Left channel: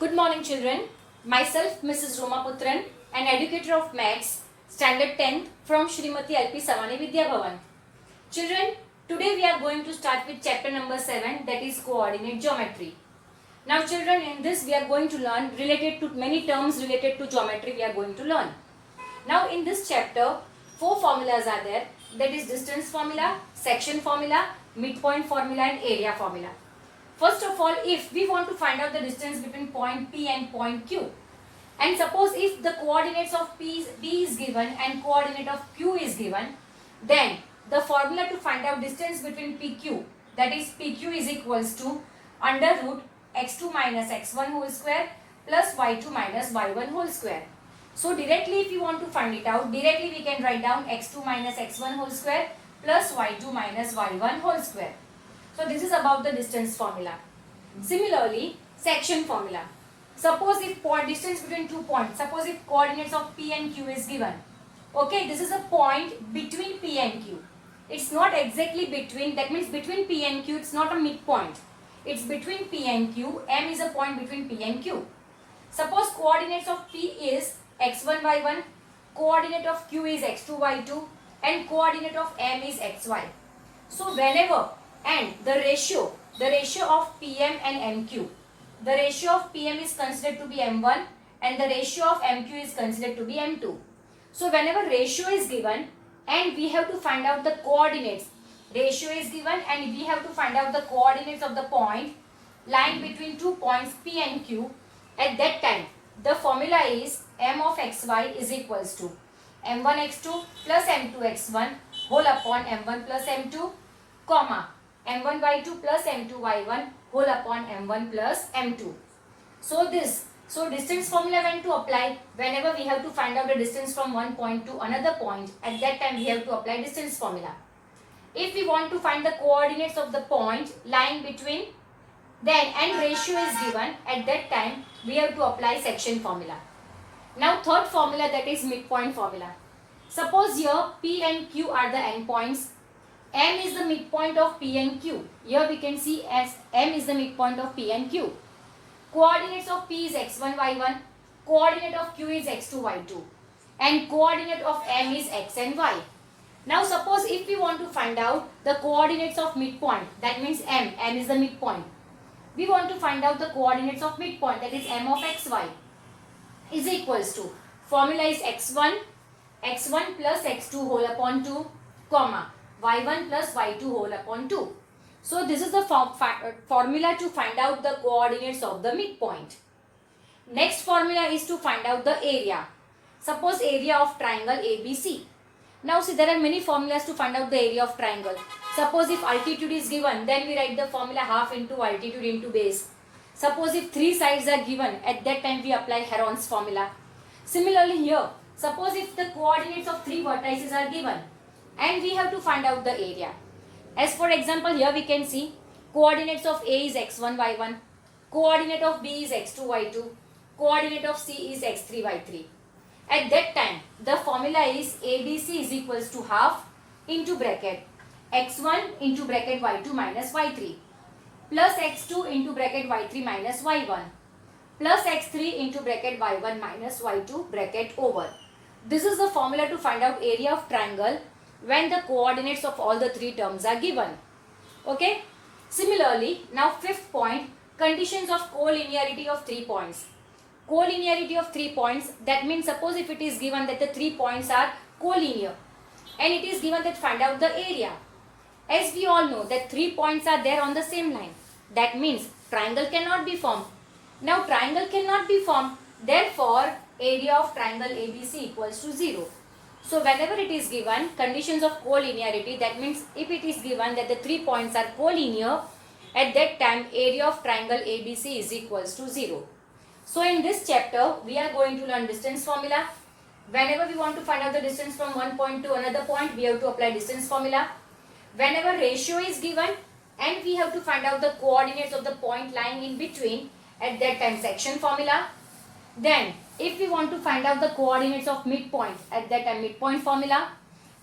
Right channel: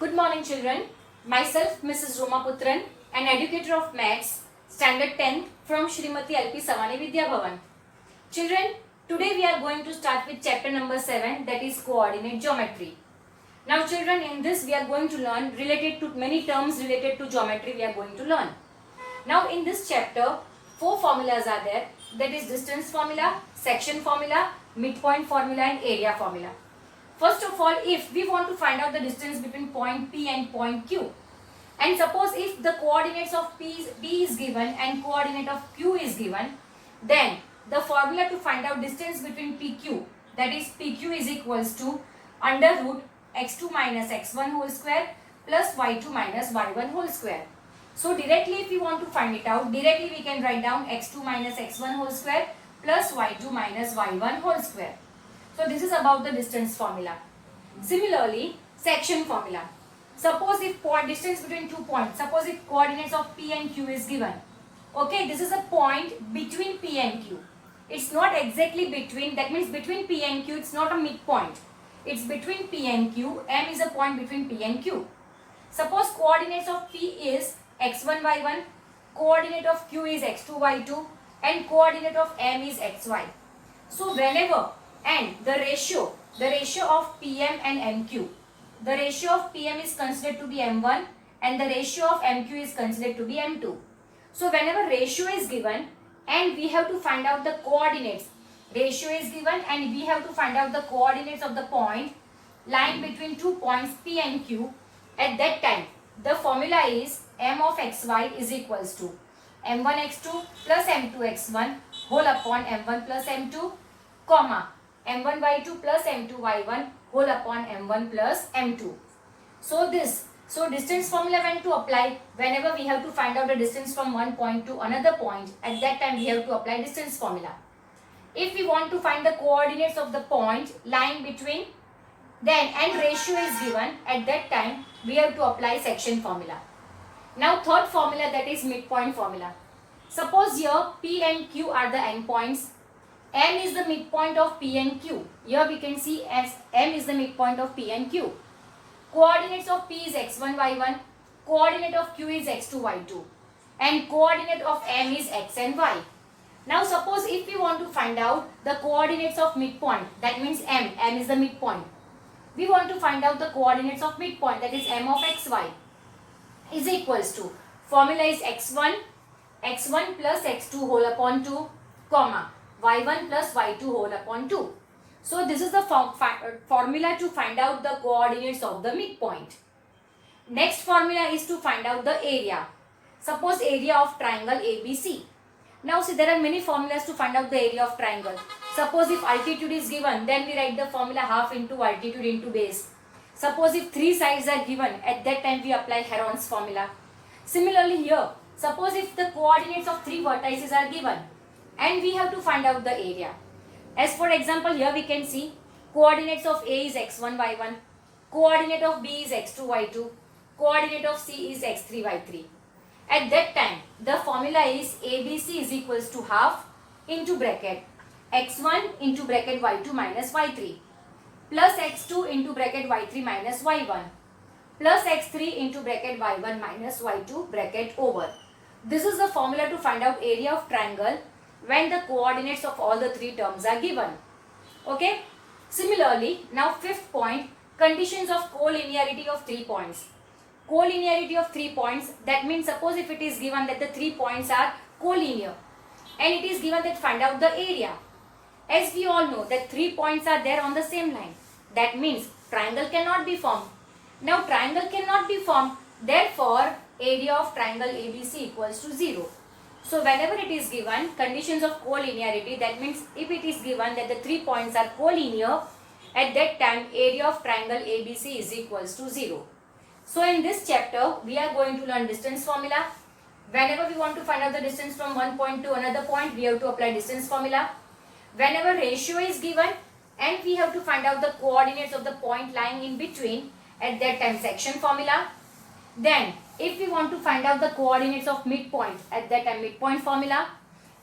Good morning, children. Myself, Mrs. Roma Putran, an educator of maths, standard 10 from Shrimati LP Savani Vidya Bhavan. Children, today we are going to start with chapter number 7, that is coordinate geometry. Now, children, in this we are going to learn related to many terms related to geometry we are going to learn. Now, in this chapter, 4 formulas are there, that is distance formula, section formula, midpoint formula and area formula. First of all, if we want to find out the distance between point P and point Q, and suppose if the coordinates of P is given and coordinate of Q is given, then the formula to find out distance between PQ, that is PQ is equals to under root x2 minus x1 whole square plus y2 minus y1 whole square. So directly if we want to find it out, directly we can write down x2 minus x1 whole square plus y2 minus y1 whole square. So this is about the distance formula. Similarly, section formula. Suppose if distance between 2 points, suppose if coordinates of P and Q is given. Okay, this is a point between P and Q. It's not exactly between, that means between P and Q, it's not a midpoint. It's between P and Q. M is a point between P and Q. Suppose coordinates of P is x1, y1, coordinate of Q is x2, y2, and coordinate of M is xy. So whenever, and the ratio of PM and MQ, the ratio of PM is considered to be M1 and the ratio of MQ is considered to be M2. So whenever ratio is given and we have to find out the coordinates, ratio is given and we have to find out the coordinates of the point lying between 2 points P and Q, at that time the formula is M of xy is equals to M1x2 plus M2x1 whole upon M1 plus M2, comma M1y2 plus M2y1 whole upon M1 plus M2. So distance formula when to apply, whenever we have to find out the distance from one point to another point, at that time we have to apply distance formula. If we want to find the coordinates of the point lying between, then and ratio is given, at that time we have to apply section formula. Now third formula, that is midpoint formula. Suppose here P and Q are the endpoints. M is the midpoint of P and Q. Here we can see as M is the midpoint of P and Q. Coordinates of P is x1, y1. Coordinate of Q is x2, y2. And coordinate of M is x and y. Now suppose if we want to find out the coordinates of midpoint, that means M is the midpoint. We want to find out the coordinates of midpoint, that is M of xy is equals to, formula is x1 plus x2 whole upon 2, comma y1 plus y2 whole upon 2. So this is the formula to find out the coordinates of the midpoint. Next formula is to find out the area. Suppose area of triangle ABC. Now see, there are many formulas to find out the area of triangle. Suppose if altitude is given, then we write the formula half into altitude into base. Suppose if 3 sides are given, at that time we apply Heron's formula. Similarly here, suppose if the coordinates of 3 vertices are given and we have to find out the area. As for example, here we can see coordinates of A is x1, y1, coordinate of B is x2, y2, coordinate of C is x3, y3. At that time, the formula is ABC is equals to half into bracket x1 into bracket y2 minus y3 plus x2 into bracket y3 minus y1 plus x3 into bracket y1 minus y2 bracket over. This is the formula to find out area of triangle when the coordinates of all the 3 terms are given. Okay. Similarly, now fifth point, conditions of collinearity of 3 points. Collinearity of 3 points, that means suppose if it is given that the 3 points are collinear and it is given that find out the area. As we all know that 3 points are there on the same line, that means triangle cannot be formed. Now triangle cannot be formed, therefore area of triangle ABC equals to 0. So whenever it is given conditions of collinearity, that means if it is given that the 3 points are collinear, at that time area of triangle ABC is equals to 0. So in this chapter we are going to learn distance formula. Whenever we want to find out the distance from one point to another point, we have to apply distance formula. Whenever ratio is given and we have to find out the coordinates of the point lying in between, at that time section formula. Then if we want to find out the coordinates of midpoint, at that time midpoint formula.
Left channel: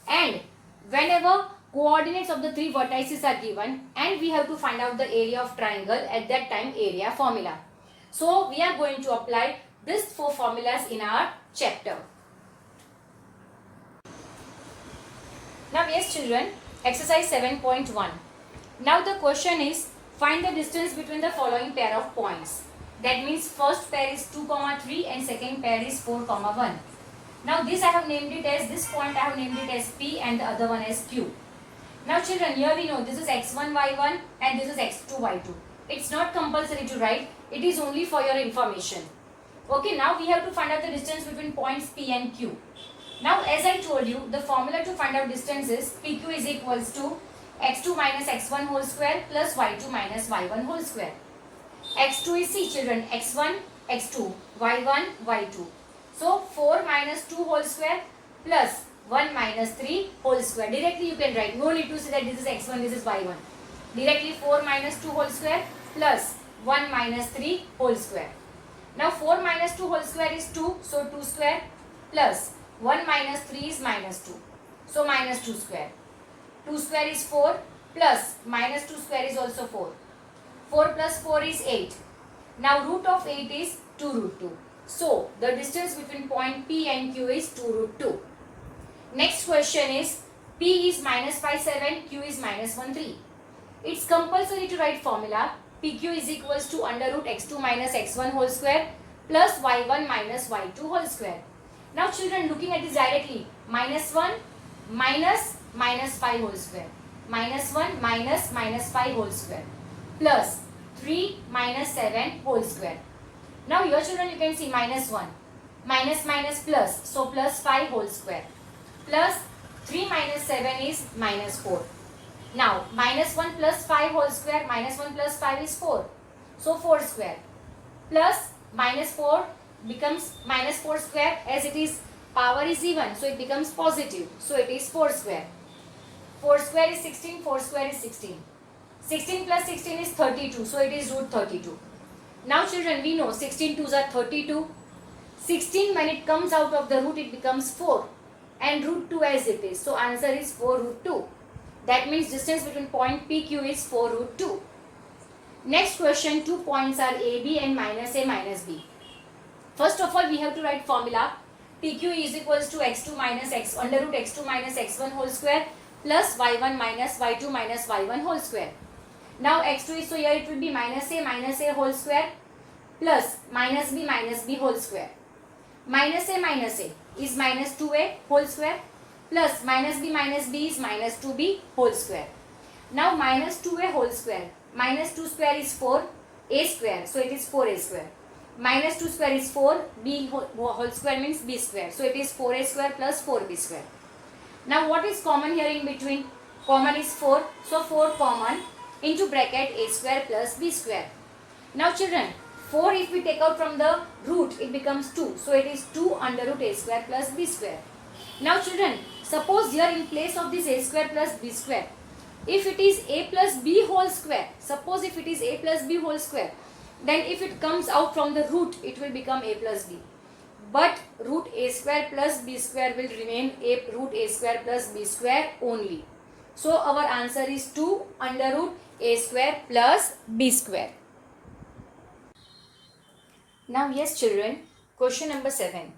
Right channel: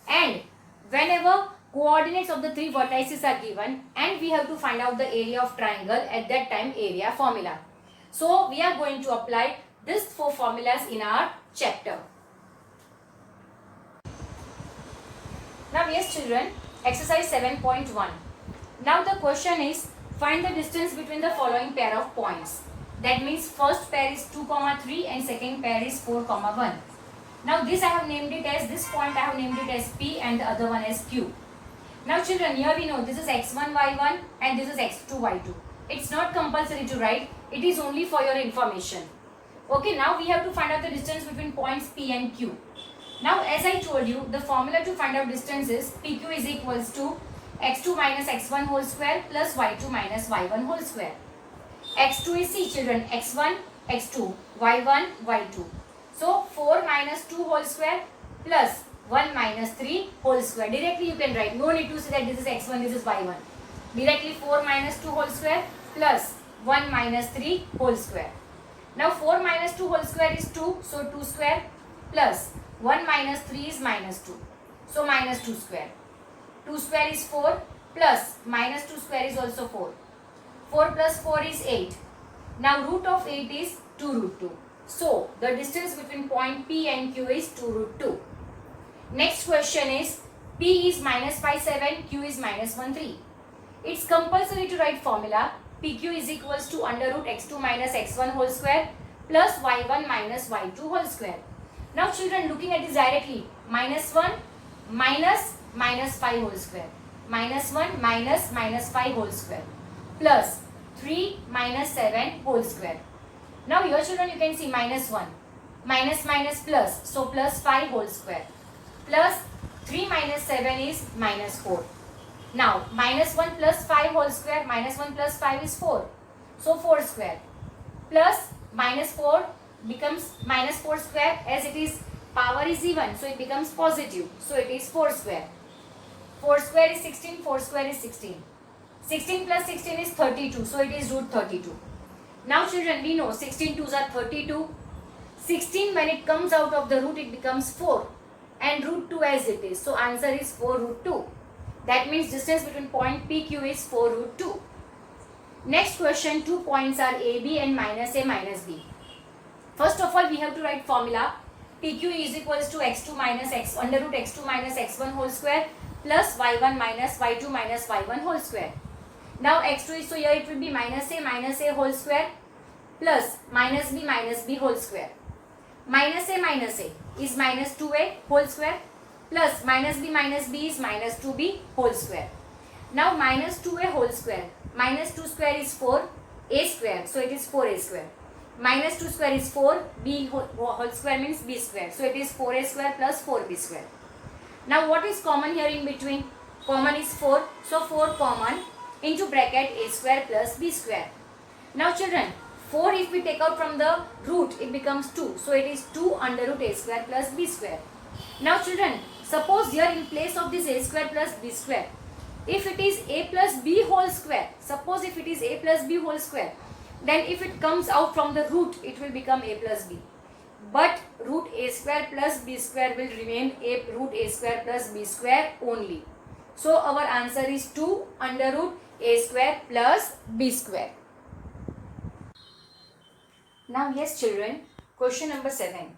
And whenever coordinates of the 3 vertices are given and we have to find out the area of triangle, at that time area formula. So we are going to apply these four formulas in our chapter. Now yes children, exercise 7.1. Now the question is, find the distance between the following pair of points. That means first pair is 2, 3 and second pair is 4, 1. Now this I have named it as, this point I have named it as P and the other one as Q. Now children, here we know this is x1, y1 and this is x2, y2. It's not compulsory to write, it is only for your information. Okay, now we have to find out the distance between points P and Q. Now as I told you, the formula to find out distance is PQ is equals to x2 minus x1 whole square plus y2 minus y1 whole square. x2 is, see children, x1, x2, y1, y2. So 4 minus 2 whole square plus 1 minus 3 whole square. Directly you can write, no need to say that this is x1, this is y1. Directly 4 minus 2 whole square plus 1 minus 3 whole square. Now 4 minus 2 whole square is 2, so 2 square plus 1 minus 3 is minus 2, so minus 2 square. 2 square is 4 plus minus 2 square is also 4. 4 plus 4 is 8. Now root of 8 is 2 root 2. So the distance between point P and Q is 2 root 2. Next question is, P is minus 5, 7, Q is minus 1, 3. It's compulsory to write formula. PQ is equals to under root x2 minus x1 whole square plus y1 minus y2 whole square. Now children, looking at this directly, minus 1 minus minus 5 whole square, minus 1 minus minus 5 whole square plus 3 minus 7 whole square. Now here children you can see minus 1, minus minus plus, so plus 5 whole square plus 3 minus 7 is minus 4. Now minus 1 plus 5 whole square, minus 1 plus 5 is 4, so 4 square plus minus 4 becomes minus 4 square, as it is power is even, so it becomes positive, so it is 4 square. 4 square is 16, 4 square is 16. 16 plus 16 is 32, so it is root 32. Now children, we know 16 2s are 32. 16 when it comes out of the root it becomes 4 and root 2 as it is, so answer is 4 root 2. That means distance between point PQ is 4 root 2. Next question, two points are AB and minus A minus B. First of all we have to write formula. PQ is equals to x2 minus x under root x2 minus x1 whole square plus y1 minus y2 minus y1 whole square. Now x2 is, so here it will be minus a whole square plus minus b whole square. Minus a is minus 2a whole square plus minus b is minus 2b whole square. Now minus 2a whole square, minus 2 square is 4, a square, so it is 4a square. Minus 2 square is 4, b whole square means b square, so it is 4a square plus 4b square. Now what is common here in between? Common is 4, so 4 common into bracket a square plus b square. Now children, 4 if we take out from the root it becomes 2, so it is 2 under root a square plus b square. Now children, suppose here in place of this a square plus b square, if it is a plus b whole square, suppose if it is a plus b whole square, then if it comes out from the root it will become a plus b. But root a square plus b square will remain a root a square plus b square only. So our answer is 2 under root a square plus b square. Now yes children, question number 7.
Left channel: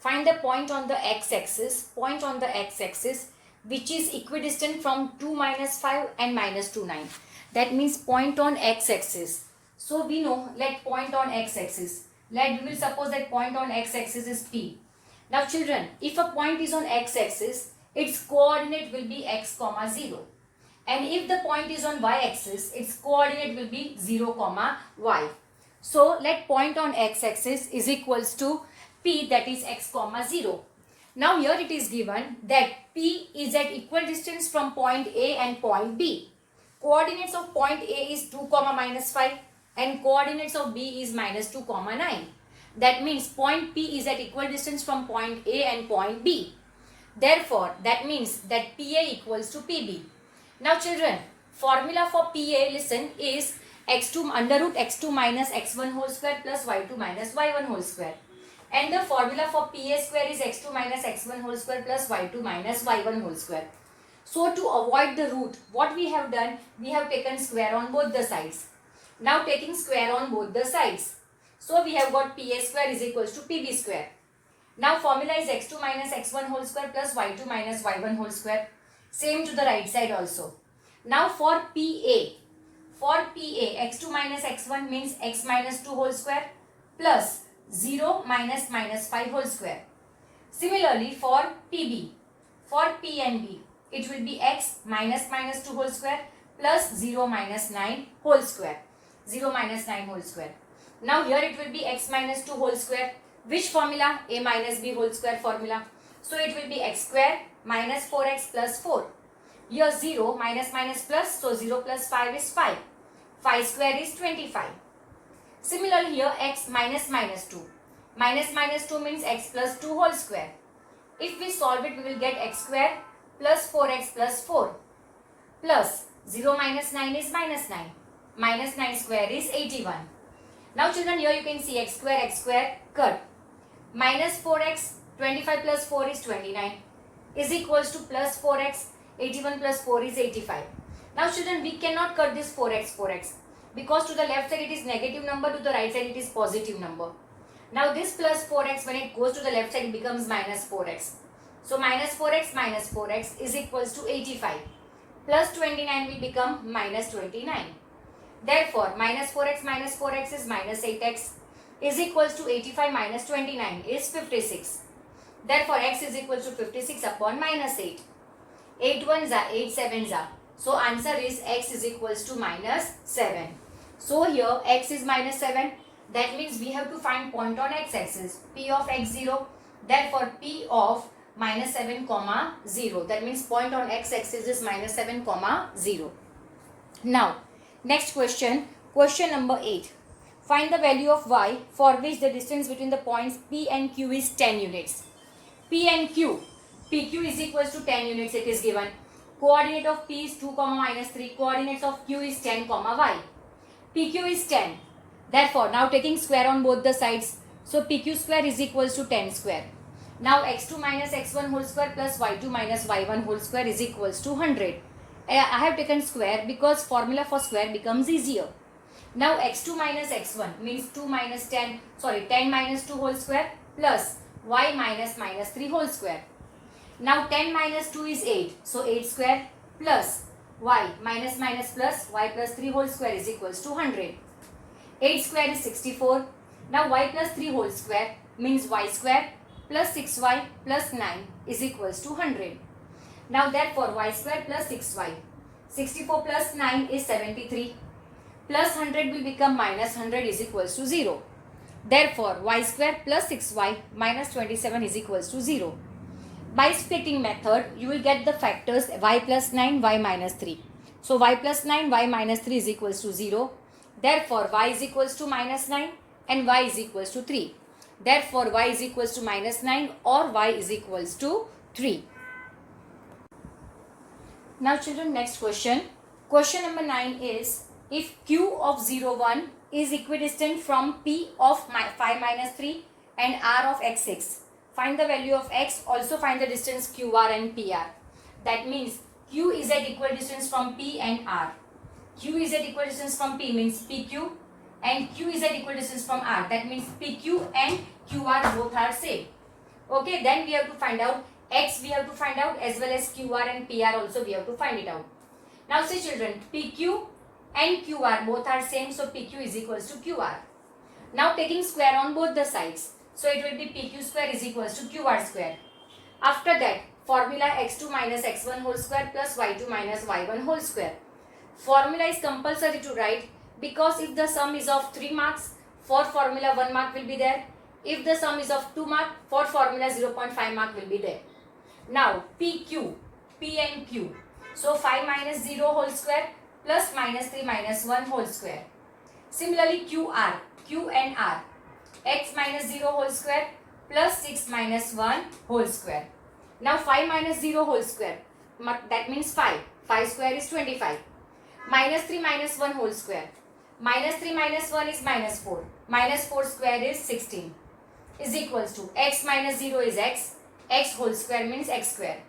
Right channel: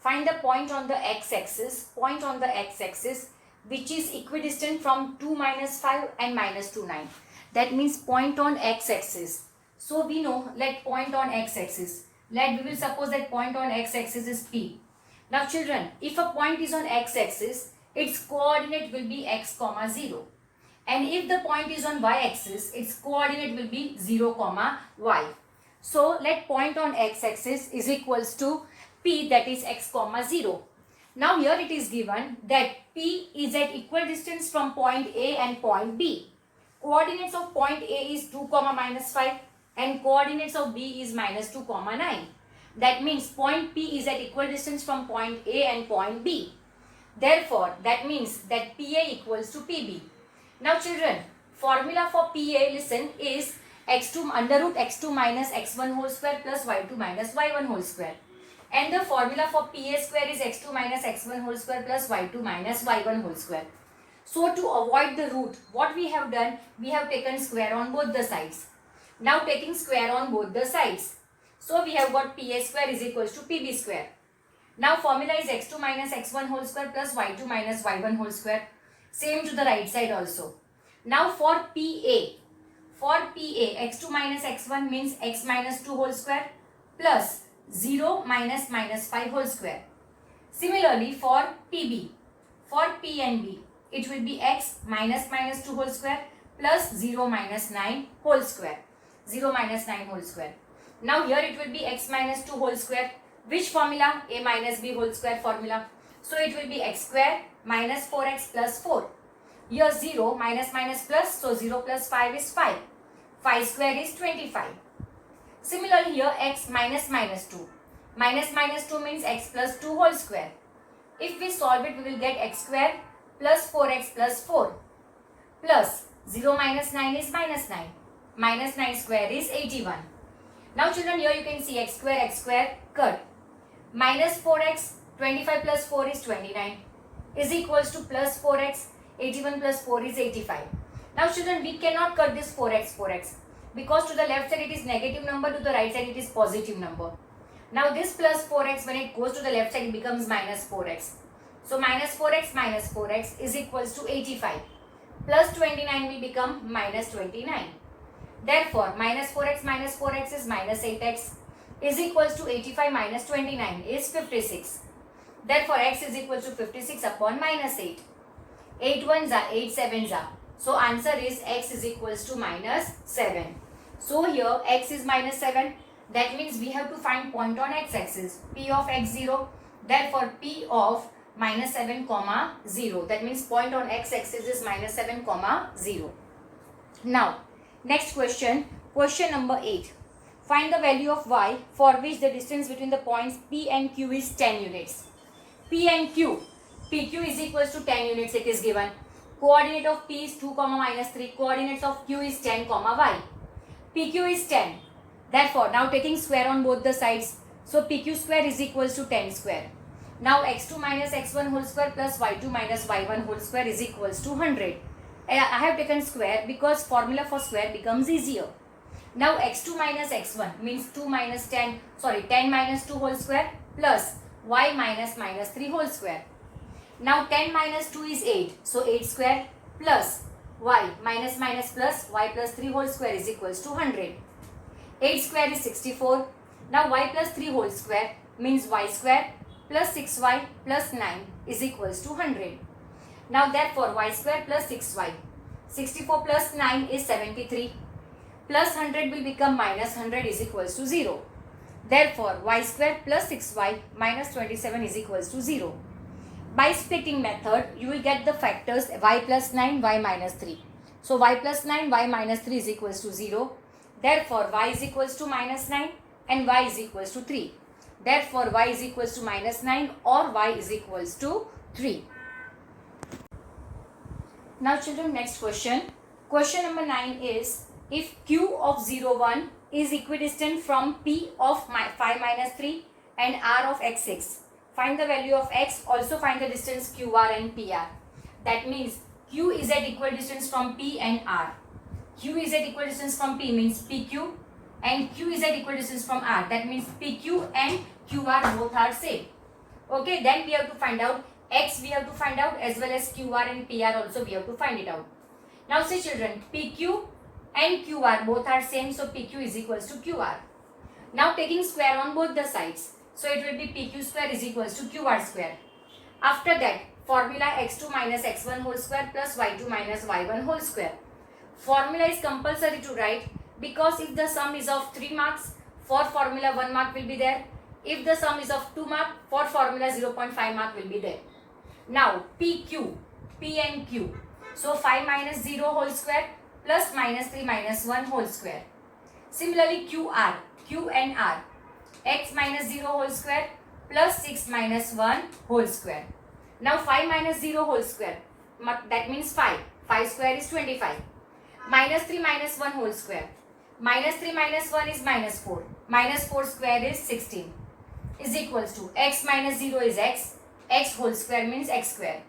Find the point on the x-axis, which is equidistant from 2 minus 5 and minus 2 9. That means point on x-axis. So we know, let point on x-axis. We will suppose that point on x-axis is P. Now children, if a point is on x-axis, its coordinate will be x, 0. And if the point is on y-axis, its coordinate will be 0, y. So let point on x-axis is equals to P, that is x, 0. Now here it is given that P is at equal distance from point A and point B. Coordinates of point A is 2, minus 5 and coordinates of B is minus 2, 9. That means point P is at equal distance from point A and point B. Therefore, that means that PA equals to PB. Now children, formula for PA, listen, is x2 under root x2 minus x1 whole square plus y2 minus y1 whole square. And the formula for PA square is x2 minus x1 whole square plus y2 minus y1 whole square. So to avoid the root, what we have done, we have taken square on both the sides. Now taking square on both the sides. So we have got PA square is equals to PB square. Now formula is x2 minus x1 whole square plus y2 minus y1 whole square. Same to the right side also. Now for PA, x2 minus x1 means x minus 2 whole square plus 0 minus minus 5 whole square. Similarly for PB, for P and B, it will be x minus minus 2 whole square plus 0 minus 9 whole square. 0 minus 9 whole square. Now here it will be x minus 2 whole square. Which formula? A minus b whole square formula. So it will be x square minus 4x plus 4. Here 0 minus minus plus, so 0 plus 5 is 5. 5 square is 25. Similarly here x minus minus 2. Minus minus 2 means x plus 2 whole square. If we solve it, we will get x square plus 4x plus 4 plus 0 minus 9 is minus 9. Minus 9 square is 81. Now children, here you can see x square cut. Minus 4x, 25 plus 4 is 29 is equals to plus 4x, 81 plus 4 is 85. Now children, we cannot cut this 4x because to the left side it is negative number, to the right side it is positive number. Now this plus 4x, when it goes to the left side, it becomes minus 4x. So minus 4x is equals to 85. Plus 29 will become minus 29. Therefore, minus 4x is minus 8x is equals to 85 minus 29 is 56. Therefore, x is equal to 56 upon minus 8. 8 ones are 8 sevens are. So, answer is x is equals to minus 7. So, here x is minus 7. That means we have to find point on x-axis. P of x0. Therefore, P of minus 7 comma 0. That means point on x-axis is minus 7 comma 0. Now, next question. Question number 8. Find the value of y for which the distance between the points P and Q is 10 units. P and Q. PQ is equals to 10 units, it is given. Coordinate of P is 2 comma minus 3. Coordinates of Q is 10 comma y. PQ is 10. Therefore, now taking square on both the sides. So, PQ square is equals to 10 square. Now, x2 minus x1 whole square plus y2 minus y1 whole square is equals to 100. I have taken square because formula for square becomes easier. Now, x2 minus x1 means 10 minus 2 whole square plus y minus minus 3 whole square. Now, 10 minus 2 is 8. So, 8 square plus y minus minus plus y plus 3 whole square is equals to 100. 8 square is 64. Now, y plus 3 whole square means y square plus 6y plus 9 is equals to 100. Now, therefore, y square plus 6y. 64 plus 9 is 73. Plus 100 will become minus 100 is equals to 0. Therefore, y square plus 6y minus 27 is equals to 0. By splitting method, you will get the factors y plus 9, y minus 3. So, y plus 9, y minus 3 is equals to 0. Therefore, y is equals to minus 9 and y is equals to 3. Therefore, y is equals to minus 9 or y is equals to 3. Now children, next question. Question number 9 is, if Q of 0, 1 is equidistant from P of 5 minus 3 and R of x 6. Find the value of x, also find the distance QR and PR. That means Q is at equal distance from P and R. Q is at equal distance from P means PQ and Q is at equal distance from R. That means PQ and QR both are same. Okay, then we have to find out x, we have to find out, as well as QR and PR also we have to find it out. Now see children, PQ and QR both are same, so PQ is equals to QR. Now taking square on both the sides, so it will be PQ square is equals to QR square. After that, formula x2 minus x1 whole square plus y2 minus y1 whole square. Formula is compulsory to write because if the sum is of 3 marks, for formula 1 mark will be there. If the sum is of 2 mark, for formula 0.5 mark will be there. Now PQ, P and Q. So 5 minus 0 whole square plus minus 3 minus 1 whole square. Similarly QR, Q and R. X minus 0 whole square plus 6 minus 1 whole square. Now 5 minus 0 whole square. That means 5. 5 square is 25. Minus 3 minus 1 whole square. Minus 3 minus 1 is minus 4. Minus 4 square is 16. Is equals to x minus 0 is x. X whole square means x square.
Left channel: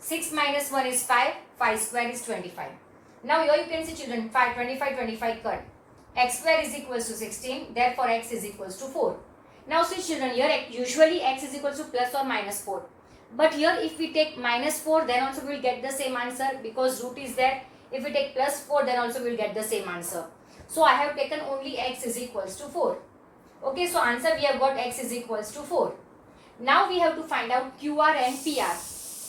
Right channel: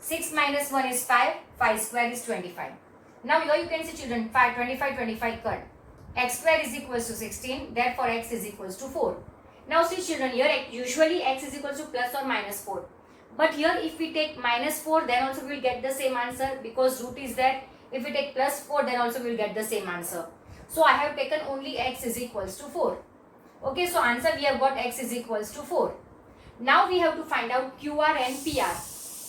6 minus 1 is 5. 5 square is 25. Now here you can see children, 25 cut. x square is equals to 16, therefore x is equals to 4. Now see children, here usually x is equals to plus or minus 4. But here if we take minus 4, then also we will get the same answer because root is there. If we take plus 4, then also we will get the same answer. So I have taken only x is equals to 4. Okay, so answer we have got x is equals to 4. Now we have to find out QR and PR.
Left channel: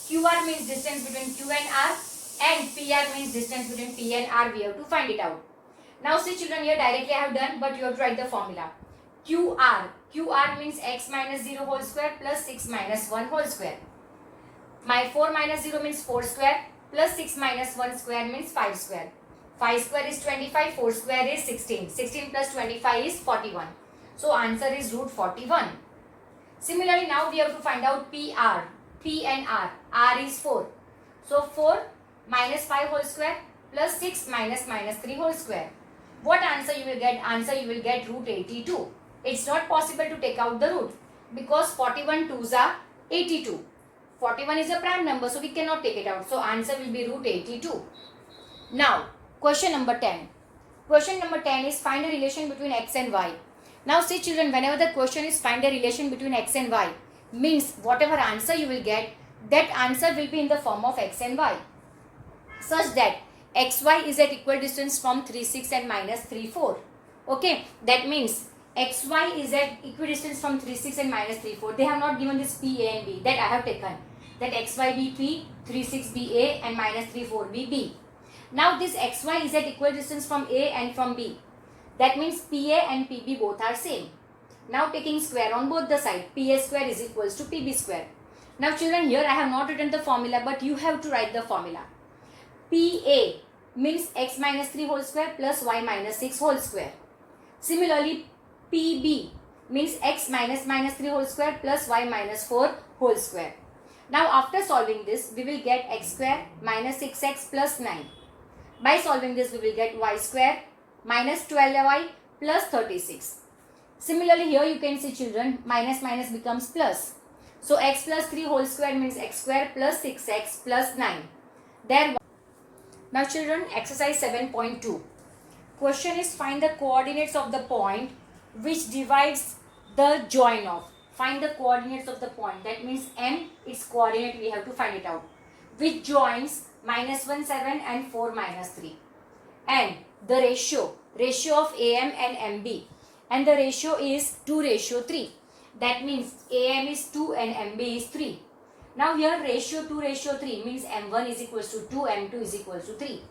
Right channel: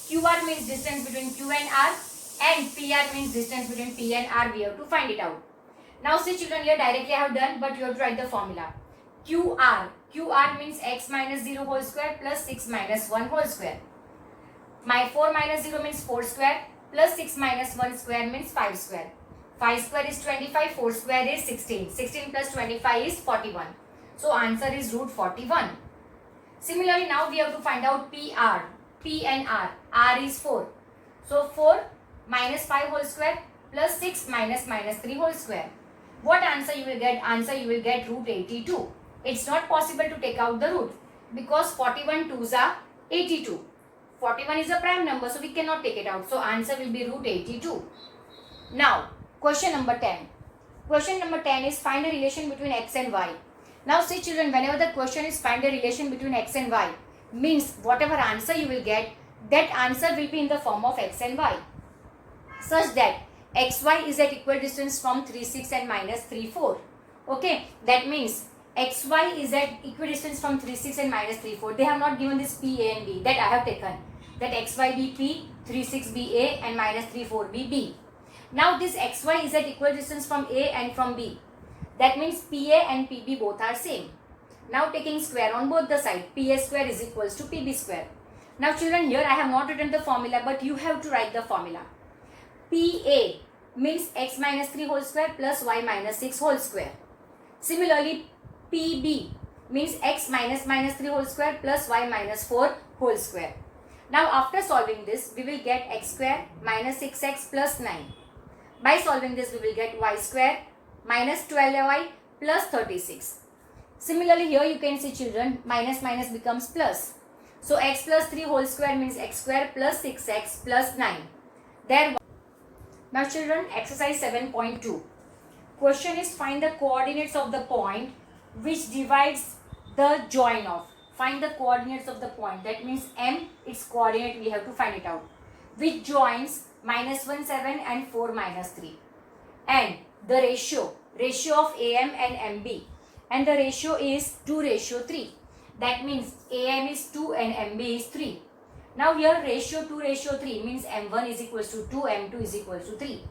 QR means distance between Q and R, and PR means distance between P and R. We have to find it out. Now see children, here directly I have done, but you have to write the formula. QR means x minus 0 whole square plus 6 minus 1 whole square. My 4 minus 0 means 4 square plus 6 minus 1 square means 5 square. 5 square is 25, 4 square is 16. 16 plus 25 is 41. So answer is root 41. Similarly, now we have to find out PR. P and R. R is 4. So 4 minus 5 whole square plus 6 minus 3 whole square. What answer you will get? Answer you will get root 82. It's not possible to take out the root because 41 twos are 82. 41 is a prime number, so we cannot take it out. So answer will be root 82. Now, question number 10. Question number 10 is find a relation between x and y. Now see children, whenever the question is find a relation between x and y, means whatever answer you will get, that answer will be in the form of x and y. Such that xy is at equal distance from 3, 6 and minus 3, 4. Okay, that means xy is at equidistance from 3, 6 and minus 3, 4. They have not given this p, a and b. That I have taken. That xy be p, 3, 6 be a and minus 3, 4 be b. Now this xy is at equal distance from a and from b. That means pa and pb both are same. Now taking square on both the side, pa square is equals to pb square. Now children, here I have not written the formula, but you have to write the formula. Pa means x minus 3 whole square plus y minus 6 whole square. Similarly, pb means x minus 3 whole square plus y minus 4 whole square. Now after solving this, we will get x square minus 6x plus 9. By solving this, we will get y square minus 12y plus 36. Similarly, here you can see children, minus minus becomes plus. So x plus 3 whole square means x square plus 6x plus 9. There. Now children, exercise 7.2. Question is find the coordinates of the point which divides the join of. Find the coordinates of the point. That means M, its coordinate we have to find it out. Which joins minus 1, 7 and 4, minus 3. And the ratio of AM and MB. And the ratio is 2:3. That means AM is 2 and MB is 3. Now here ratio 2:3 means M1 is equals to 2, M2 is equals to 3.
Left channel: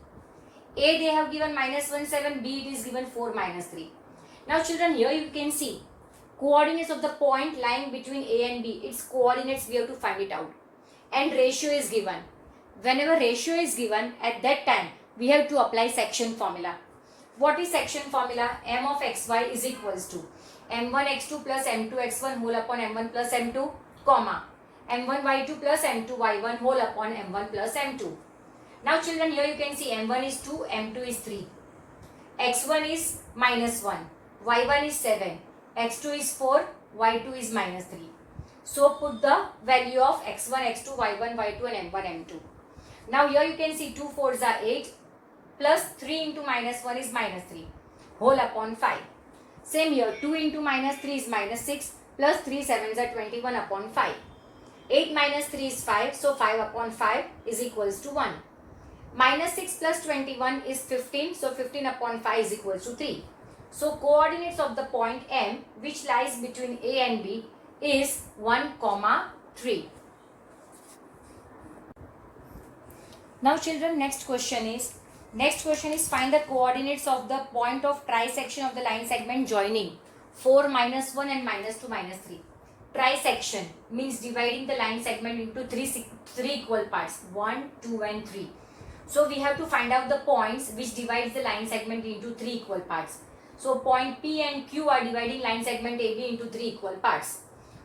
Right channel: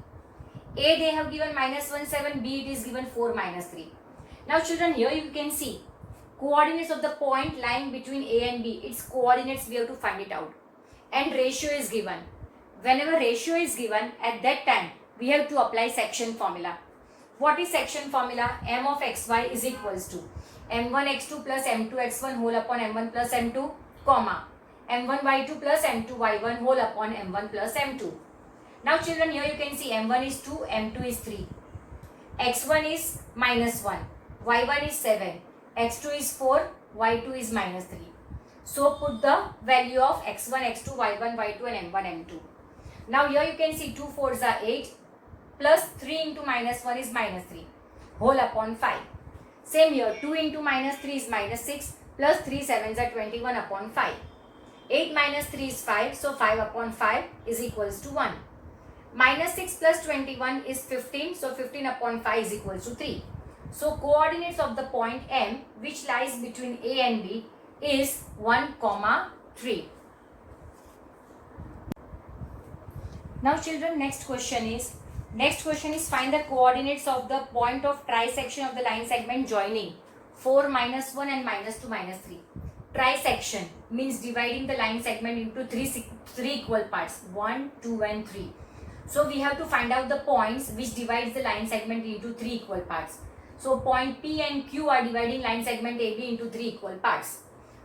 A they have given minus 1, 7, B it is given 4, minus 3. Now children, here you can see coordinates of the point lying between A and B. Its coordinates we have to find it out. And ratio is given. Whenever ratio is given, at that time we have to apply section formula. What is section formula? M of xy is equals to m1 x2 plus m2 x1 whole upon m1 plus m2, comma m1 y2 plus m2 y1 whole upon m1 plus m2. Now children, here you can see m1 is 2, m2 is 3, x1 is minus 1, y1 is 7, x2 is 4, y2 is minus 3. So put the value of x1, x2, y1, y2 and m1, m2. Now here you can see 2 4s are 8 plus 3 into minus 1 is minus 3 whole upon 5. Same here, 2 into minus 3 is minus 6 plus 3 7s are 21 upon 5. 8 minus 3 is 5, so 5 upon 5 is equals to 1. Minus 6 plus 21 is 15, so 15 upon 5 is equals to 3. So coordinates of the point M which lies between A and B is 1, 3. Now children, next question is find the coordinates of the point of trisection of the line segment joining 4, minus 1 and minus 2, minus 3. Trisection means dividing the line segment into three equal parts, 1, 2 and 3. So we have to find out the points which divides the line segment into 3 equal parts. So point P and Q are dividing line segment AB into 3 equal parts.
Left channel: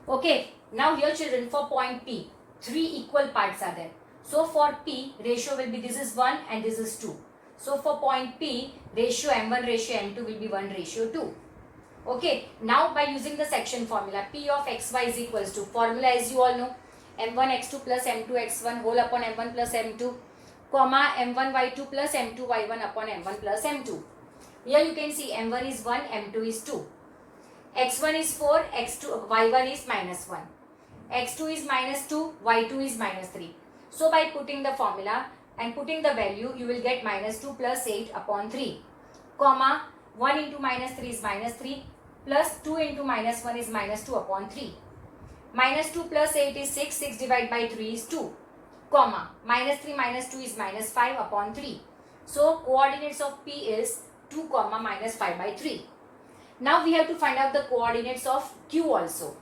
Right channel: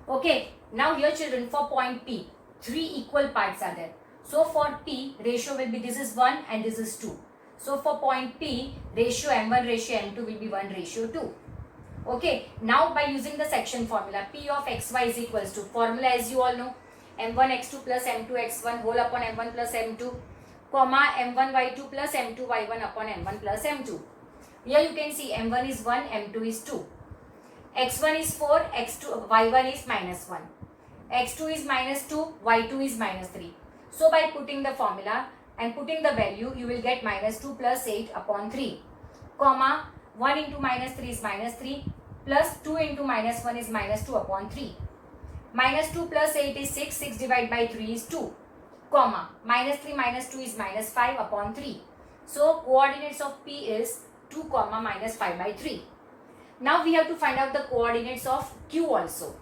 Okay, now here children, for point P, 3 equal parts are there. So for P, ratio will be this is 1 and this is 2. So for point P, ratio M1 ratio M2 will be 1:2. Okay, now by using the section formula, P of xy is equals to, formula as you all know, M1 x2 plus M2 x1 whole upon M1 plus M2, comma M1 y2 plus M2 y1 upon M1 plus M2. Here you can see m1 is 1, m2 is 2. x1 is 4, x2, y1 is minus 1. x2 is minus 2, y2 is minus 3. So by putting the formula and putting the value, you will get minus 2 plus 8 upon 3, comma 1 into minus 3 is minus 3, plus 2 into minus 1 is minus 2 upon 3. Minus 2 plus 8 is 6, 6 divided by 3 is 2, comma minus 3 minus 2 is minus 5 upon 3. So coordinates of P is 2 comma minus 5 by 3. Now we have to find out the coordinates of Q also.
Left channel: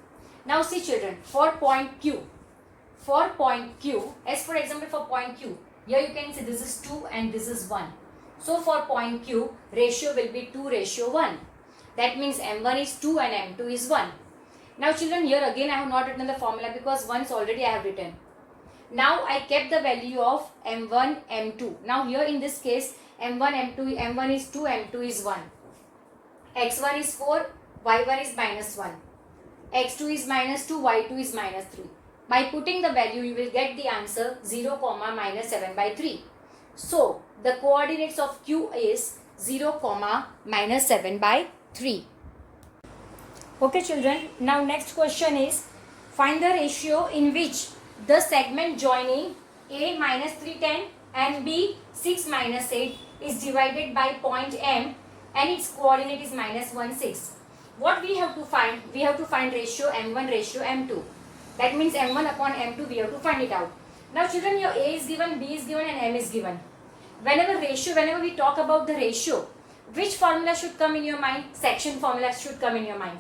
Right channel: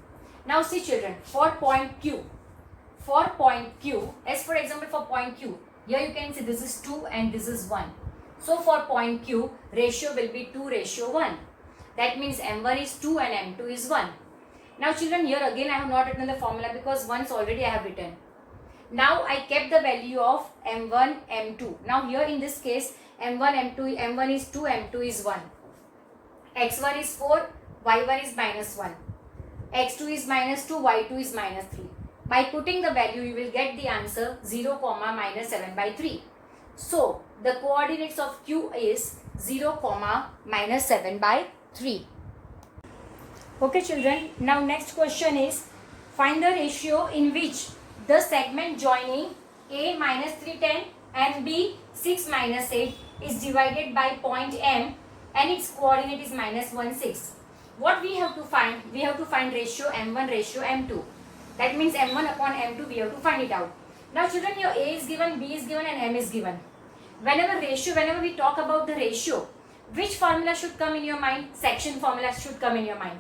Now see children, for point Q, as for example for point Q, here you can see this is 2 and this is 1. So for point Q, ratio will be 2:1. That means m1 is 2 and m2 is 1. Now children, here again I have not written the formula because once already I have written. Now I kept the value of m1, m2. Now here in this case, m1, m2, m1 is 2, m2 is 1. x1 is 4, y1 is minus 1. x2 is minus 2, y2 is minus 3. By putting the value, you will get the answer 0, minus 7 by 3. So, the coordinates of Q is 0, minus 7 by 3. Okay children, now next question is, find the ratio in which the segment joining A minus 310 and B 6 minus 8 is divided by point M and its coordinate is minus 1, 6. What we have to find? We have to find ratio M1 ratio M2. That means M1 upon M2 we have to find it out. Now children, your A is given, B is given and M is given. Whenever we talk about the ratio, which formula should come in your mind? Section formula should come in your mind.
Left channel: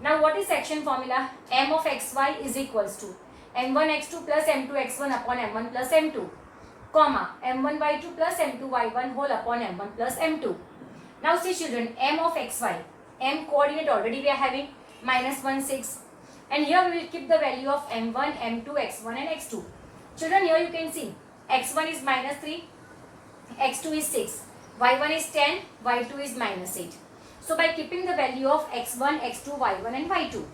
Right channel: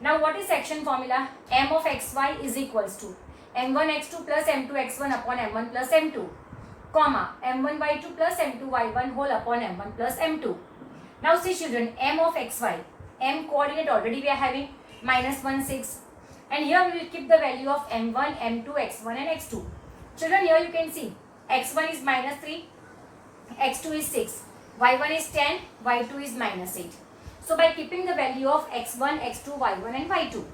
Now what is section formula? M of xy is equals to m1 x2 plus m2 x1 upon m1 plus m2, comma m1 y2 plus m2 y1 whole upon m1 plus m2. Now see children, m of xy, m coordinate already we are having minus 1, 6. And here we will keep the value of m1, m2, x1 and x2. Children, here you can see x1 is minus 3, x2 is 6, y1 is 10, y2 is minus 8. So by keeping the value of x1, x2, y1 and y2,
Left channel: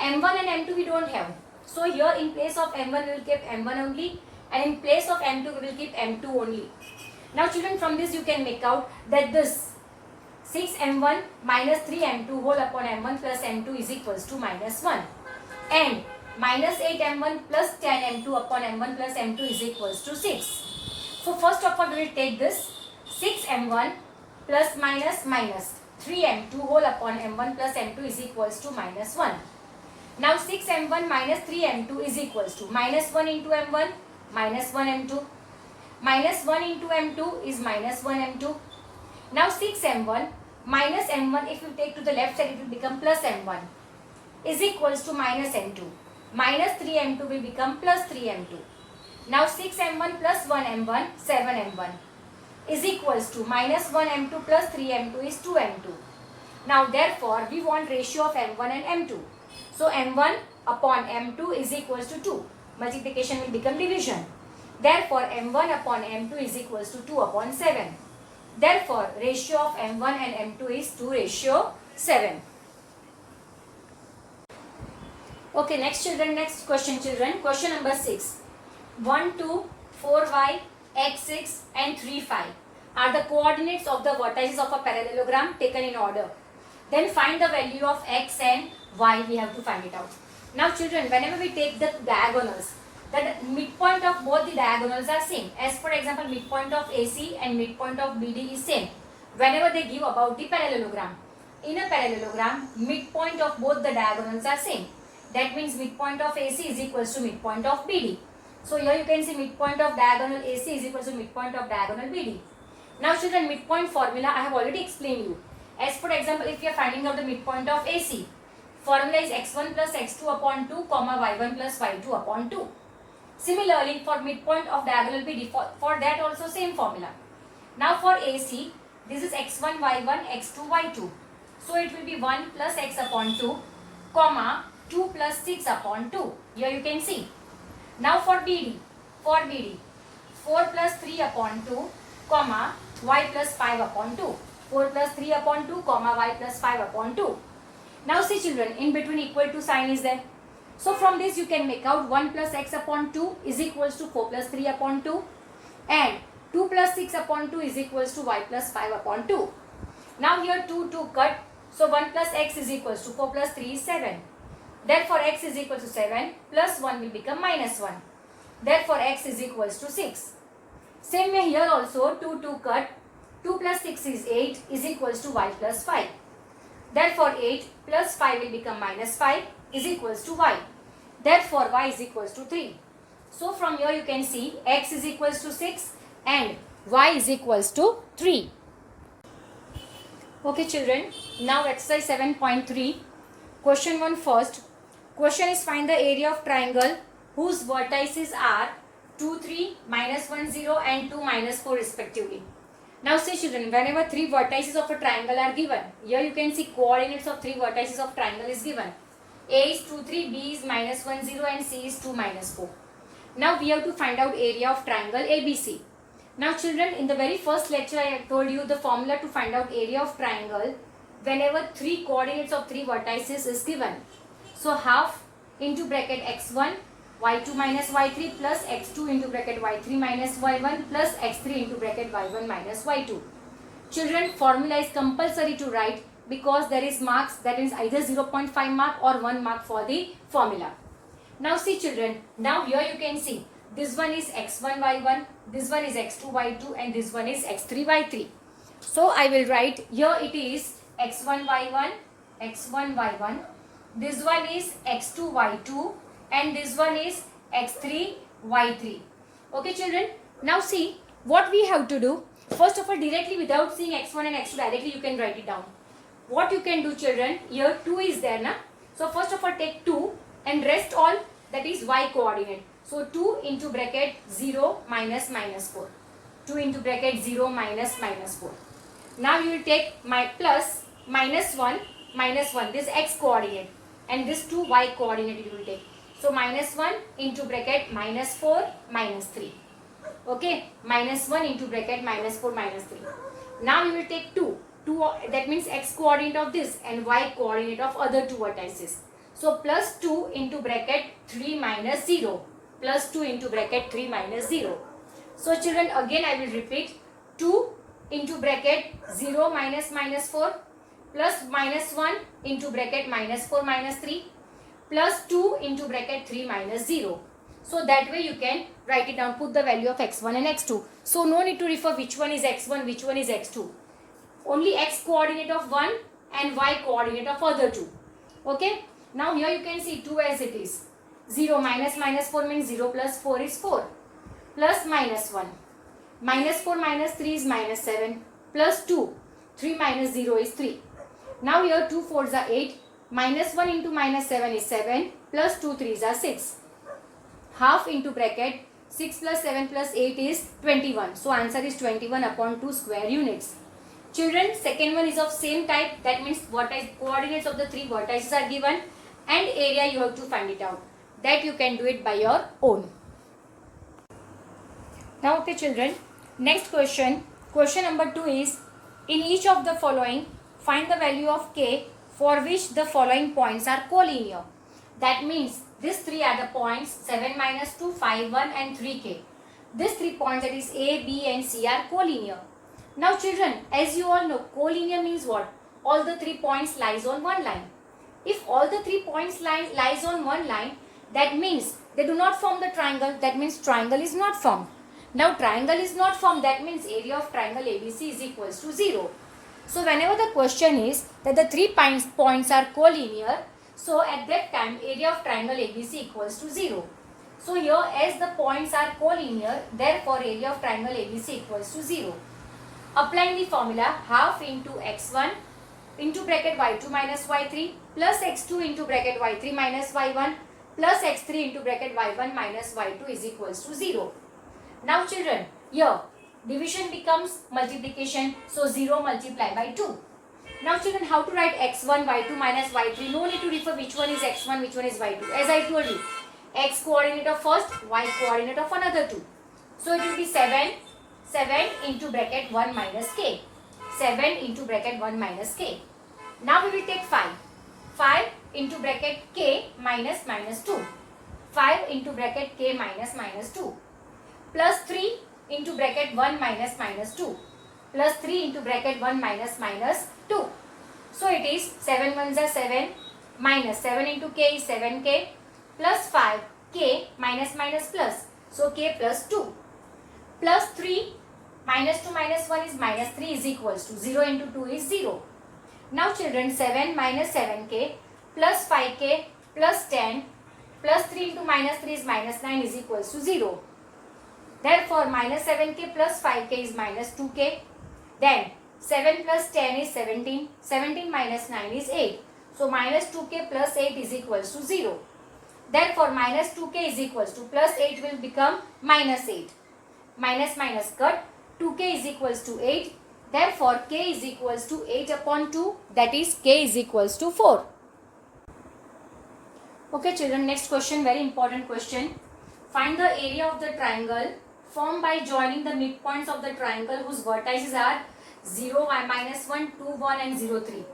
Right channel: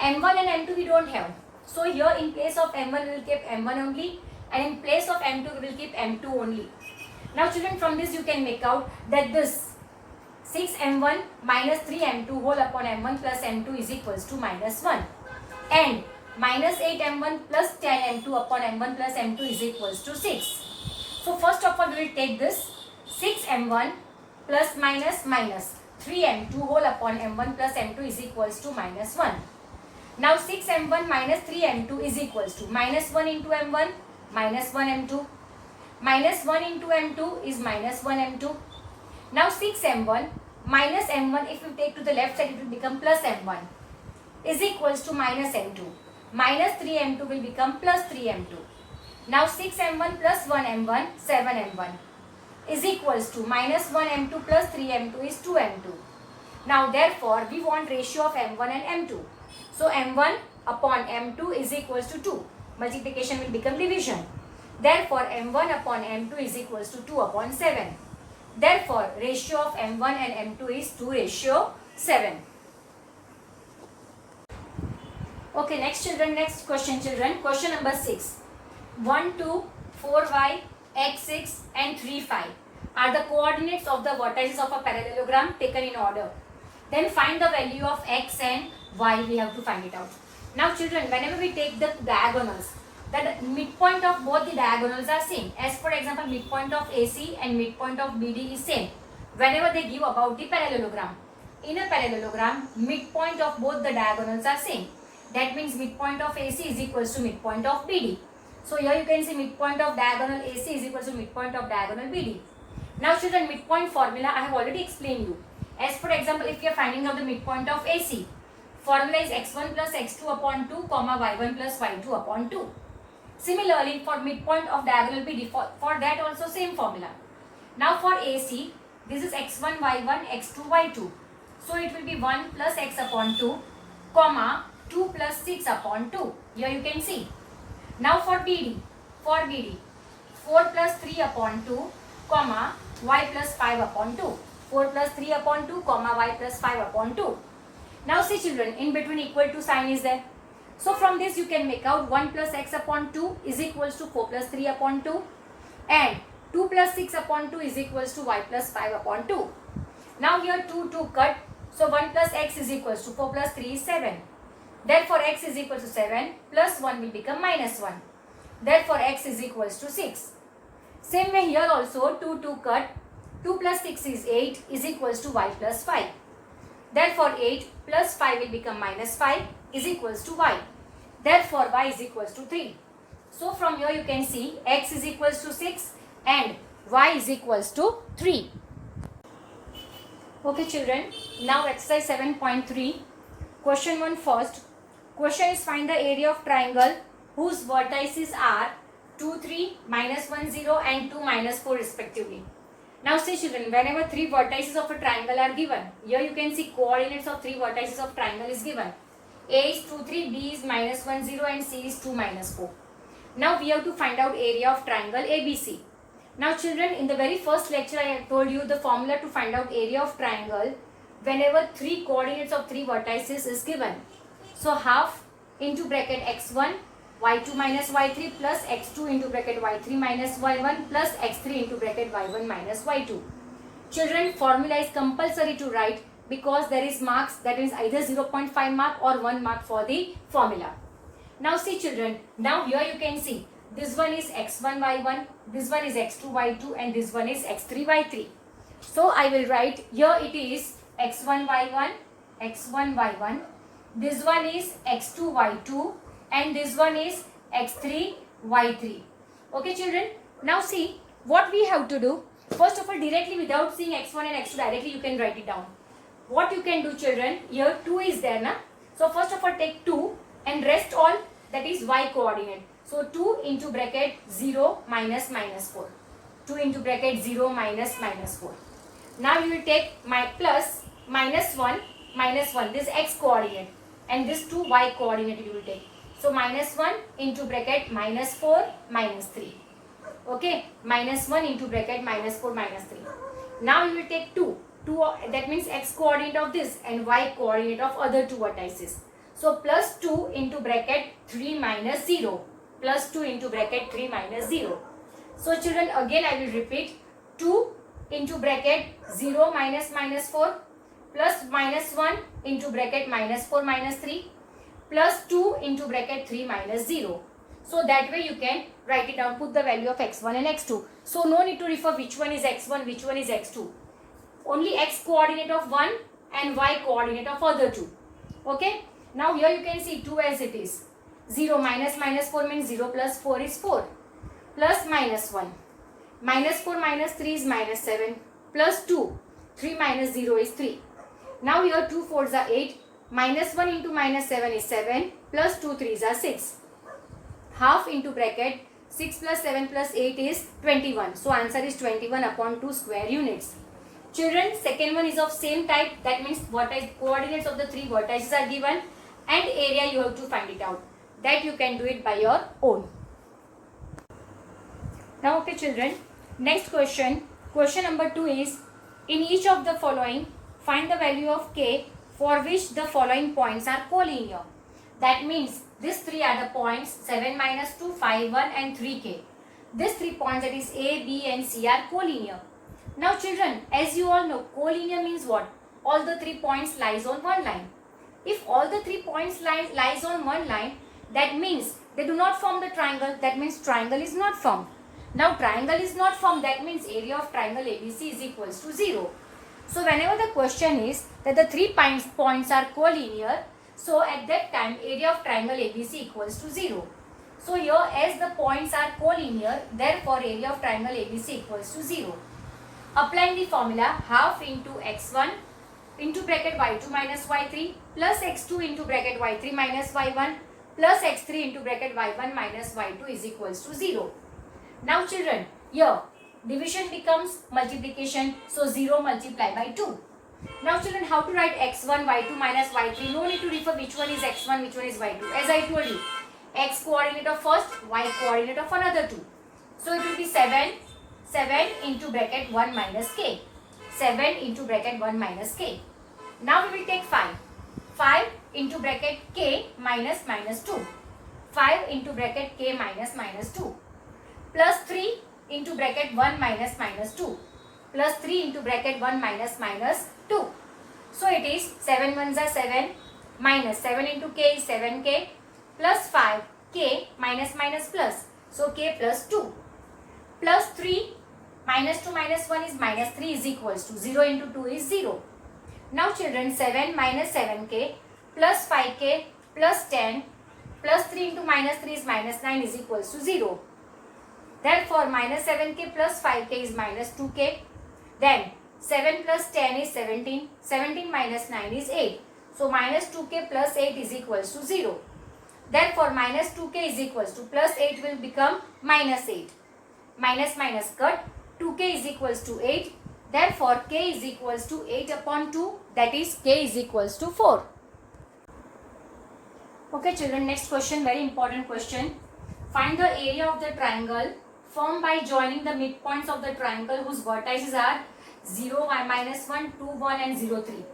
m1 and m2 we don't have. So here in place of m1 we will keep m1 only and in place of m2 we will keep m2 only. Now children, from this you can make out that this 6m1 minus 3m2 whole upon m1 plus m2 is equals to minus 1 and minus 8m1 plus 10m2 upon m1 plus m2 is equals to 6. So first of all we will take this 6m1 plus minus 3m2 whole upon m1 plus m2 is equals to minus 1. Now 6m1 minus 3m2 is equals to minus 1 into m1 minus 1 m2. Minus 1 into m2 is minus 1 m2. Now 6m1 minus m1, if you take to the left side it will become plus m1 is equals to minus m2. Minus 3m2 will become plus 3m2. Now 6m1 plus 1m1, 7m1 is equals to minus 1m2 plus 3m2 is 2m2. Now therefore we want ratio of m1 and m2. So m1 upon m2 is equals to 2. Multiplication will become division. Therefore m1 upon m2 is equals to 2 upon 7. Therefore ratio of m1 and m2 is 2:7. Okay, next question children. Question number 6. 1, 2, 4y, x6 and 3, 5 are the coordinates of the vertices of a parallelogram taken in order. Then find the value of x and y. We have to find it out. Now children, whenever we take the diagonals, the midpoint of both the diagonals are same. As for example, midpoint of AC and midpoint of BD is same. Whenever they give about the parallelogram. In a parallelogram, midpoint of both the diagonals are same. That means midpoint of AC is equals to midpoint of BD. So here you can see midpoint of diagonal AC is equals to midpoint of diagonal BD. Now children, midpoint formula I have already explained you. As for example, if you are finding out the midpoint of AC, formula is x1 plus x2 upon 2, comma y1 plus y2 upon 2. Similarly, for midpoint of diagonal BD, for that also same formula. Now for AC, this is x1, y1, x2, y2. So it will be 1 plus x upon 2, comma 2 plus 6 upon 2. Here you can see. Now for BD, 4 plus 3 upon 2, comma y plus 5 upon 2. 4 plus 3 upon 2, comma y plus 5 upon 2. Now see children, in between equal to sign is there. So from this you can make out 1 plus x upon 2 is equals to 4 plus 3 upon 2 and 2 plus 6 upon 2 is equals to y plus 5 upon 2. Now here 2 cut. So 1 plus x is equals to 4 plus 3 is 7. Therefore x is equal to 7 plus 1 will become minus 1. Therefore x is equals to 6. Same way here also 2 cut. 2 plus 6 is 8 is equals to y plus 5. Therefore 8 plus 5 will become minus 5 is equals to y. Therefore y is equals to 3. So from here you can see x is equals to 6 and y is equals to 3. Okay children, now exercise 7.3. Question 1 first. Question is find the area of triangle whose vertices are 2, 3, minus 1, 0 and 2, minus 4 respectively. Now see children, whenever 3 vertices of a triangle are given, here you can see coordinates of 3 vertices of triangle is given. A is 2, 3, B is minus 1, 0 and C is 2, minus 4. Now we have to find out area of triangle ABC. Now children, in the very first lecture I have told you the formula to find out area of triangle whenever 3 coordinates of 3 vertices is given. So half into bracket x1 y2 minus y3 plus x2 into bracket y3 minus y1 plus x3 into bracket y1 minus y2. Children, formula is compulsory to write because there is marks, that is either 0.5 mark or 1 mark for the formula. Now see children, now here you can see this one is x1 y1, this one is x2 y2 and this one is x3 y3. So I will write here it is x1 y1, this one is x2 y2 and this one is x3 y3. Okay children, now see what we have to do. First of all, directly without seeing x1 and x2 directly you can write it down. What you can do children, here 2 is there na. So first of all take 2 and rest all, that is y coordinate. So 2 into bracket 0 minus minus 4. 2 into bracket 0 minus minus 4. Now you will take my plus minus 1, this x coordinate and this 2 y coordinate you will take. So minus 1 into bracket minus 4 minus 3. Okay, minus 1 into bracket minus 4 minus 3. Now you will take 2, that means x coordinate of this and y coordinate of other 2 vertices. So plus 2 into bracket 3 minus 0. Plus 2 into bracket 3 minus 0. So children, again I will repeat, 2 into bracket 0 minus minus 4 plus minus 1 into bracket minus 4 minus 3 plus 2 into bracket 3 minus 0. So that way you can write it down, put the value of x1 and x2. So no need to refer which one is x1, which one is x2. Only x coordinate of one and y coordinate of other 2. Okay. Now here you can see 2 as it is. 0 minus minus 4 means 0 plus 4 is 4. Plus minus 1. Minus 4 minus 3 is minus 7. Plus 2. 3 minus 0 is 3. Now here 2 4s are 8. Minus 1 into minus 7 is 7. Plus 2 3s are 6. Half into bracket 6 plus 7 plus 8 is 21. So answer is 21 upon 2 square units. Children, second one is of same type. That means coordinates of the 3 vertices are given and area you have to find it out. That you can do it by your own. Now okay children, next question. Question number 2 is, in each of the following, find the value of k for which the following points are collinear. That means these 3 are the points 7 minus 2, 5, 1 and 3k. These 3 points, that is A, B and C, are collinear. Now children, as you all know, collinear means what? All the 3 points lies on one line. If all the 3 points lies on one line, that means they do not form the triangle. That means triangle is not formed. Now triangle is not formed. That means area of triangle ABC is equals to 0. So whenever the question is that the 3 points are collinear, so at that time area of triangle ABC equals to 0. So here as the points are collinear, therefore area of triangle ABC equals to 0. Applying the formula, half into x1 into bracket y2 minus y3 plus x2 into bracket y3 minus y1 plus x3 into bracket y1 minus y2 is equals to 0. Now children, here division becomes multiplication, so 0 multiplied by 2. Now children, how to write x1 y2 minus y3? No need to refer which one is x1, which one is y2. As I told you, x coordinate of first, y coordinate of another 2. So it will be 7 into bracket 1 minus k. 7 into bracket 1 minus k. Now we will take 5 into bracket k minus minus 2. 5 into bracket k minus minus 2. Plus 3 into bracket 1 minus minus 2. plus 3 into bracket 1 minus minus 2. So it is 7 ones are 7 minus 7 into k is 7k plus 5k minus minus plus. So k plus 2 plus 3 minus 2 minus 1 is minus 3 is equals to 0 into 2 is 0. Now children, 7 minus 7k plus 5k plus 10 plus 3 into minus 3 is minus 9 is equals to 0. Therefore, minus 7k plus 5k is minus 2k. Then 7 plus 10 is 17. 17 minus 9 is 8. So minus 2k plus 8 is equals to 0. Therefore, minus 2k is equals to plus 8 will become minus 8. Minus minus cut. 2k is equals to 8. Therefore, k is equals to 8 upon 2. That is k is equals to 4. Okay children, next question, very important question. Find the area of the triangle formed by joining the midpoints of the triangle whose vertices are 0, minus 1, 2, 1 and 0, 3.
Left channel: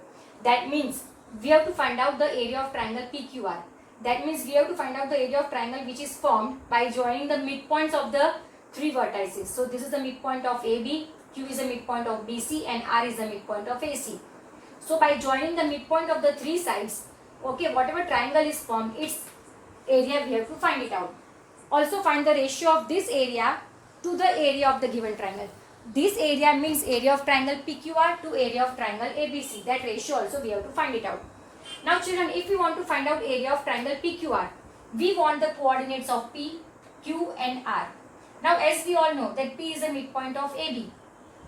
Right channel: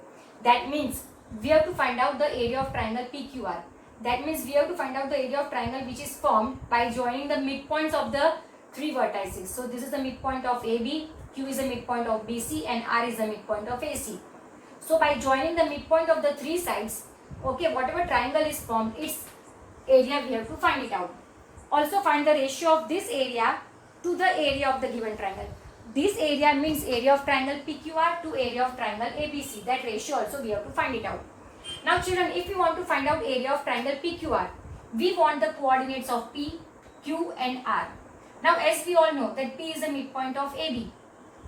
That means we have to find out the area of triangle PQR. That means we have to find out the area of triangle which is formed by joining the midpoints of the three vertices. So this is the midpoint of AB, Q is the midpoint of BC and R is the midpoint of AC. So by joining the midpoint of the three sides, okay, whatever triangle is formed, its area we have to find it out. Also find the ratio of this area to the area of the given triangle. This area means area of triangle PQR to area of triangle ABC. That ratio also we have to find it out. Now children, if we want to find out area of triangle PQR, we want the coordinates of P, Q and R. Now as we all know that P is the midpoint of AB.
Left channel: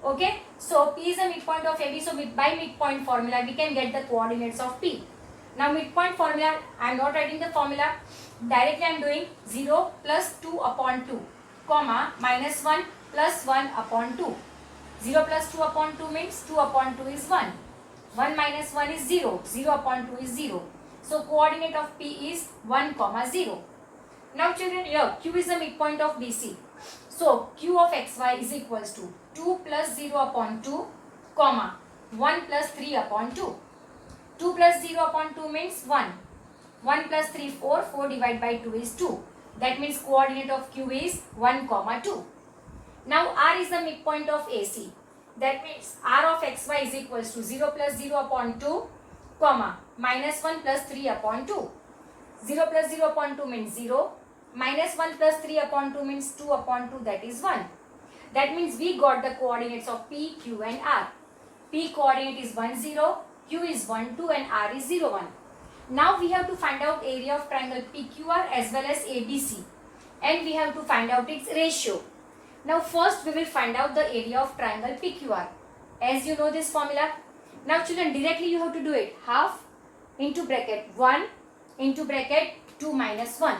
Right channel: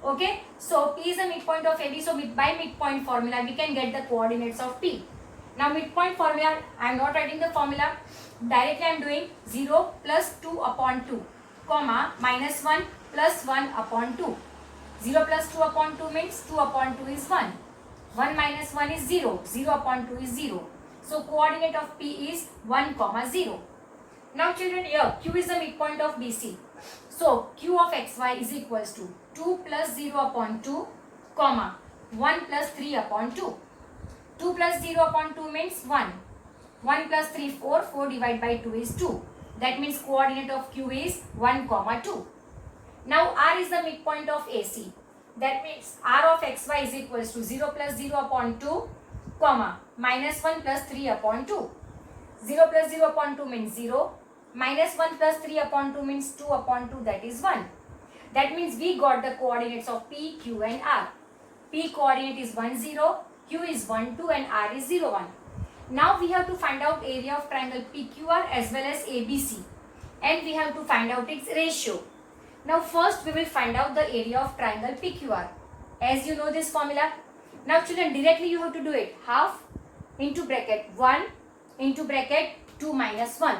Okay, so P is the midpoint of AB. So by midpoint formula we can get the coordinates of P. Now midpoint formula, I am not writing the formula. Directly I am doing 0 plus 2 upon 2, comma minus 1 plus 1 upon 2. 0 plus 2 upon 2 means 2 upon 2 is 1. 1 minus 1 is 0. 0 upon 2 is 0. So coordinate of P is 1, 0. Now children, here Q is the midpoint of BC. So Q of xy is equals to 2 plus 0 upon 2, comma 1 plus 3 upon 2. 2 plus 0 upon 2 means 1. 1 plus 3, 4. 4 divided by 2 is 2. That means coordinate of Q is 1, 2. Now R is the midpoint of AC. That means R of xy is equals to 0 plus 0 upon 2, comma minus 1 plus 3 upon 2. 0 plus 0 upon 2 means 0. Minus 1 plus 3 upon 2 means 2 upon 2, that is 1. That means we got the coordinates of P, Q and R. P coordinate is 1, 0. Q is 1, 2 and R is 0, 1. Now we have to find out area of triangle PQR as well as ABC. And we have to find out its ratio. Now first we will find out the area of triangle PQR. As you know this formula. Now children, directly you have to do it. Half into bracket 1 into bracket 2 minus 1.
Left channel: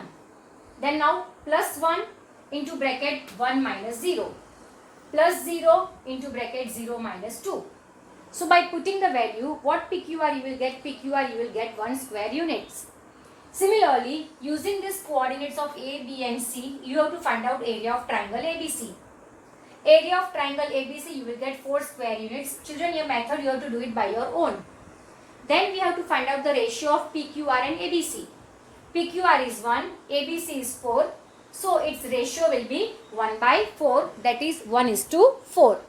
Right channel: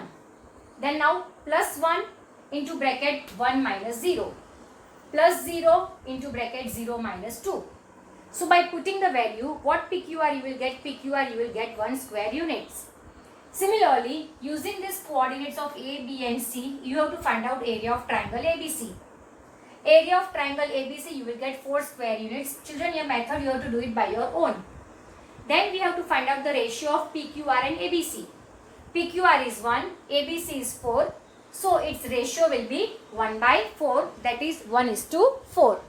Then now plus 1 into bracket 1 minus 0. Plus 0 into bracket 0 minus 2. So by putting the value, what PQR you will get? PQR you will get 1 square units. Similarly, using these coordinates of A, B and C, you have to find out area of triangle ABC. Area of triangle ABC you will get 4 square units. Children, your method you have to do it by your own. Then we have to find out the ratio of PQR and ABC. PQR is 1, ABC is 4. So its ratio will be 1 by 4, that is 1:4.